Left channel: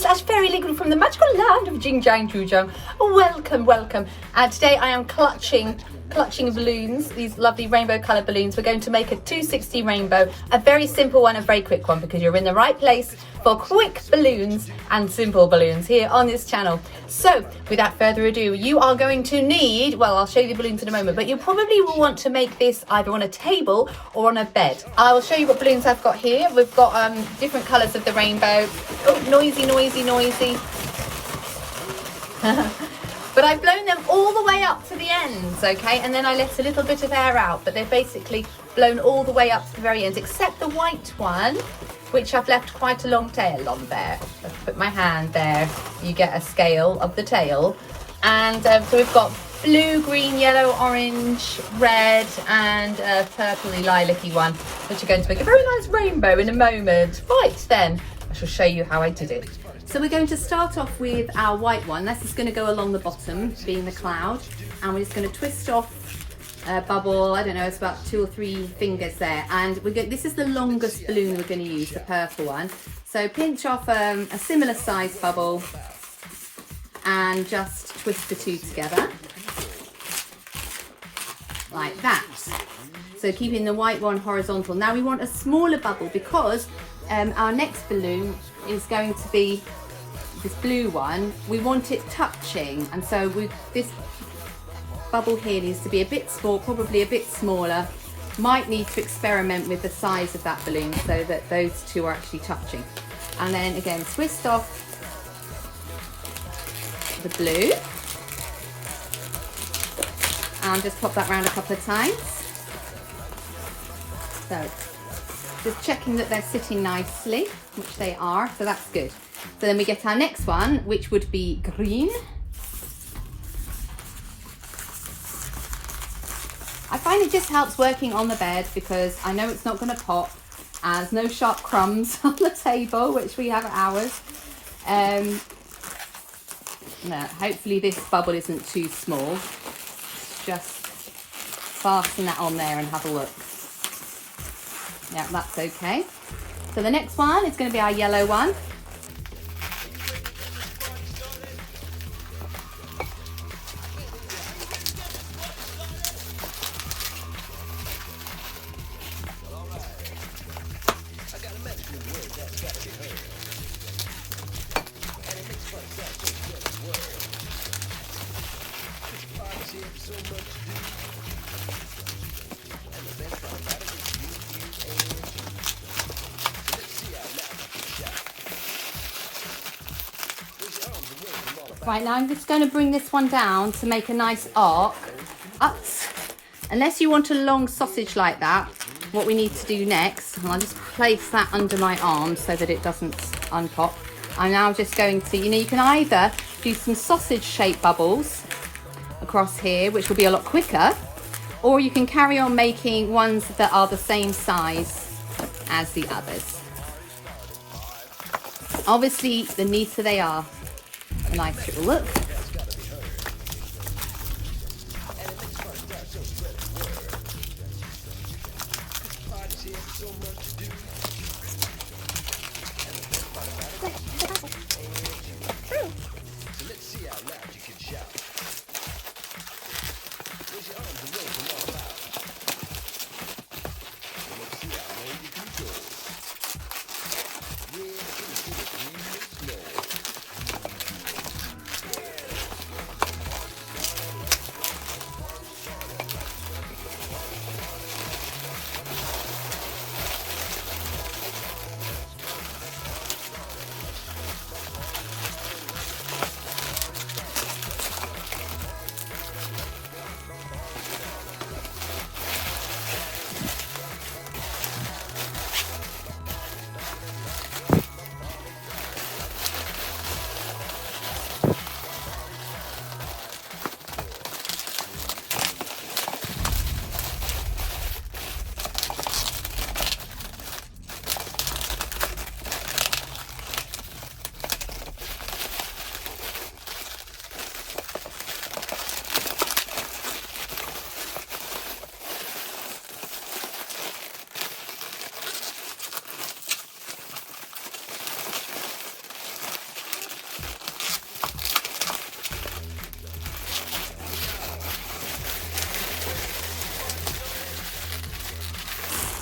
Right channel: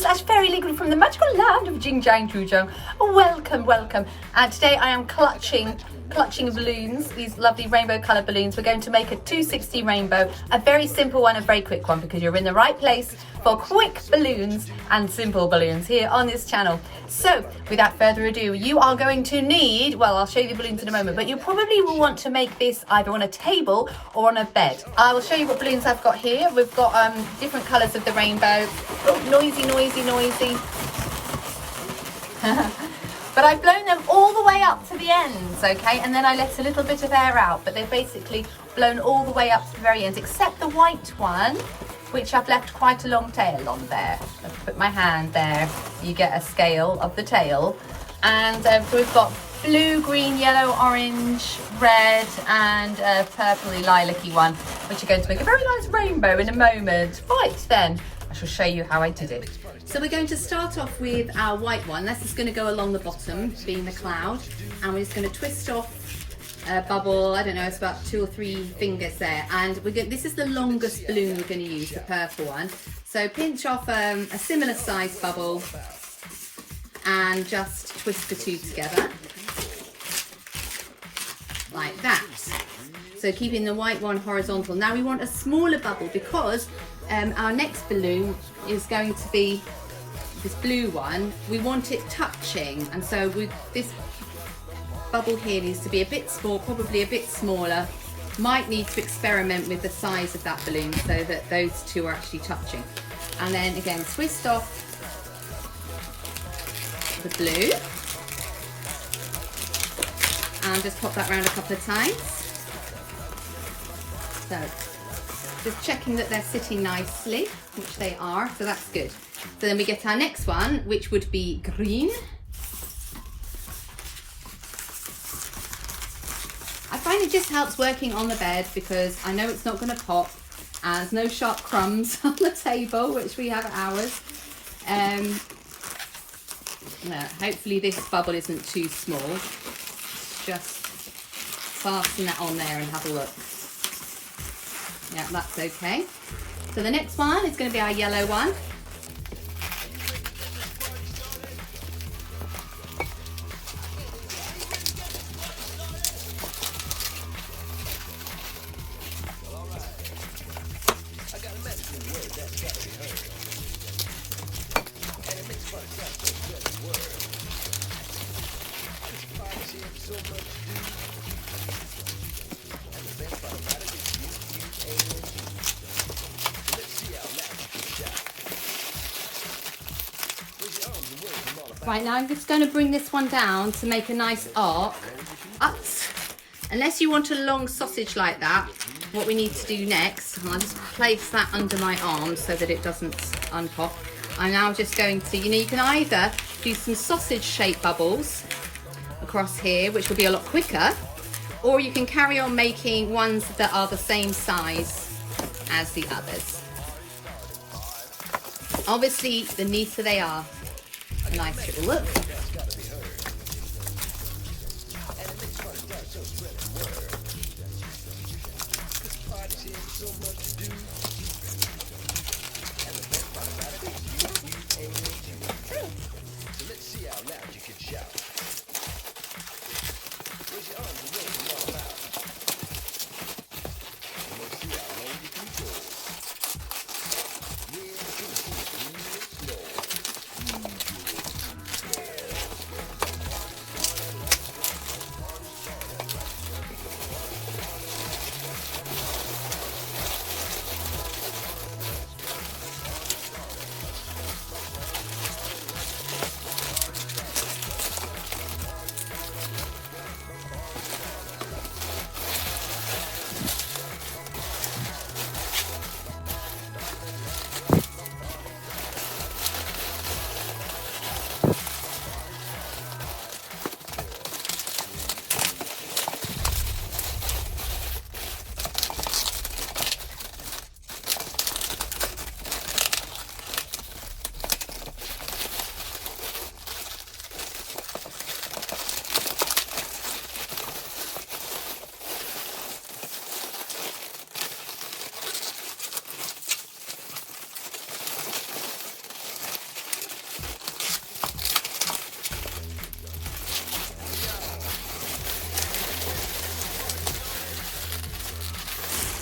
Chloe/Fairy Liquid from the magical land of Jing Jang Zhujiang. Welcome. Today I am clutching balloons, these lovely rainbow colour balloons. We're going to make a 260 rainbow, a very simple one, a very quick one, because you're in the right place for quick balloons and simple balloons here on this channel. So without further ado, you are going to need, well, I'll show you the balloons in a moment, but you probably will want to make this either on a table or on a bed. I will show you what balloons I've got here. We've got different colours of the rainbow. Oh, noisy. But I've blown them all the way up to the ends, okay? And then I let a little bit of air out, but they've basically blown all the way up to the very ends, except the white one, which I've left quite a long tail on there. I've put my hand there. You get a scale of the tail. And so we've got blue, green, yellow, orange, red, and a purpley lilac-y one, which are going to make a very nice rainbow in a moment. Right then, I shall show you how I did it. So we're going to start off with our white one. This is going to go along the bottom, being the cloud, and we're just going to twist off a bubble. I don't know, it's about 2 or 3 fingers there, and this is the longest balloon we're going to use, the purple one. So pinch off a similar size bubble and just twist the two together like that. So keeping the white one horizontal. Now we want a smaller bubble because our next balloon is going to be this blue one. We want it touching, and so this bubble here needs to be a bit small, probably a bit smaller. Might need to experiment with the size of that balloon so that those two are actually touching. And then again, twist off the blue and just pop that around a couple of times. So just checking that they're sitting nicely, which they are, so that's good. So then we get our next one, which would be green. I find it just helps working on the bed because I know it's not going to pop and there's no sharp crumbs on the table, which we have at ours. Hopefully this bubble isn't too small. Just fasten that on there and have a look. Yeah, that's okay. So the next one is going to be our yellow one. Right, now I'm just going to bring this one down to make a nice arc. Unless you want a long sausage like that, what we need to do next, I'll just place that under my arm so that it doesn't unpop. I'm now just going to, you can either do some sausage shaped bubbles across here, which will be a lot quicker, or you can carry on making ones that are the same size as the others. Obviously, the neater they are, a nice little look.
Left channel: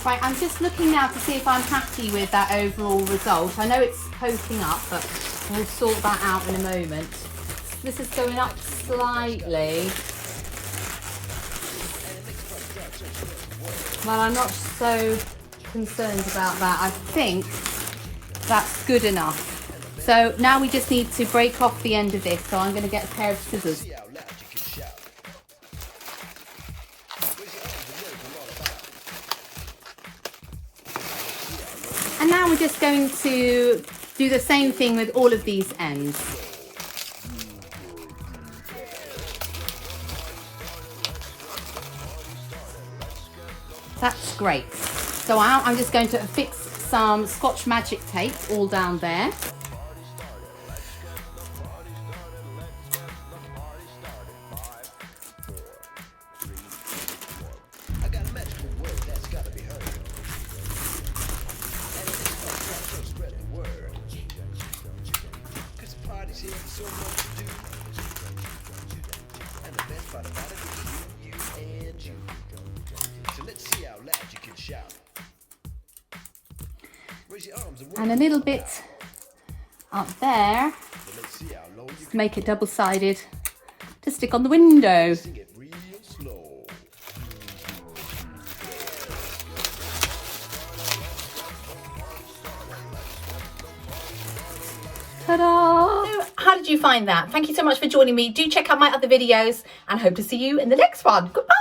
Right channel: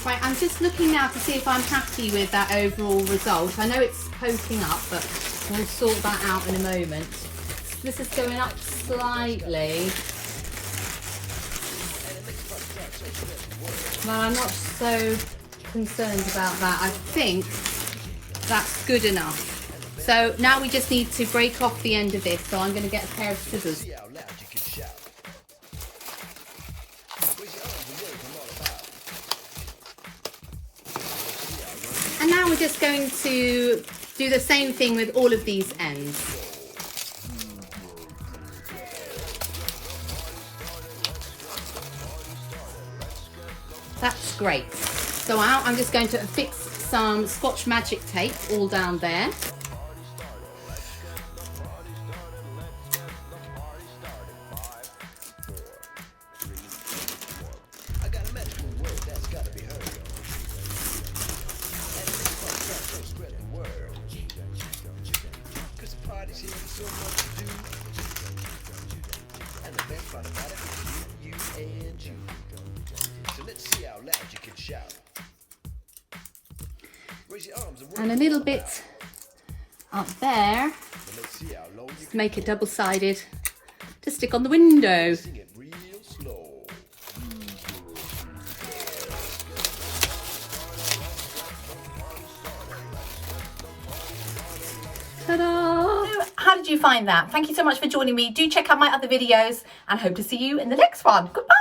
Right, I'm just looking now to see if I'm happy with that overall result. I know it's posting up, but we'll sort that out in a moment. This is going up slightly. Well, I'm not so concerned about that. I think that's good enough. So now we just need to break off the end of this. So I'm going to get a pair of scissors. And now we're just going to do the same thing with all of these ends. That's great. So now I'm just going to affix some Scotch Magic tape all down there. And a little bit up there, make it double-sided to stick on the window. Ta-da! So, how did you find that? Thank you so much for joining me. Do check out my other videos and hope to see you in the next one. Goodbye!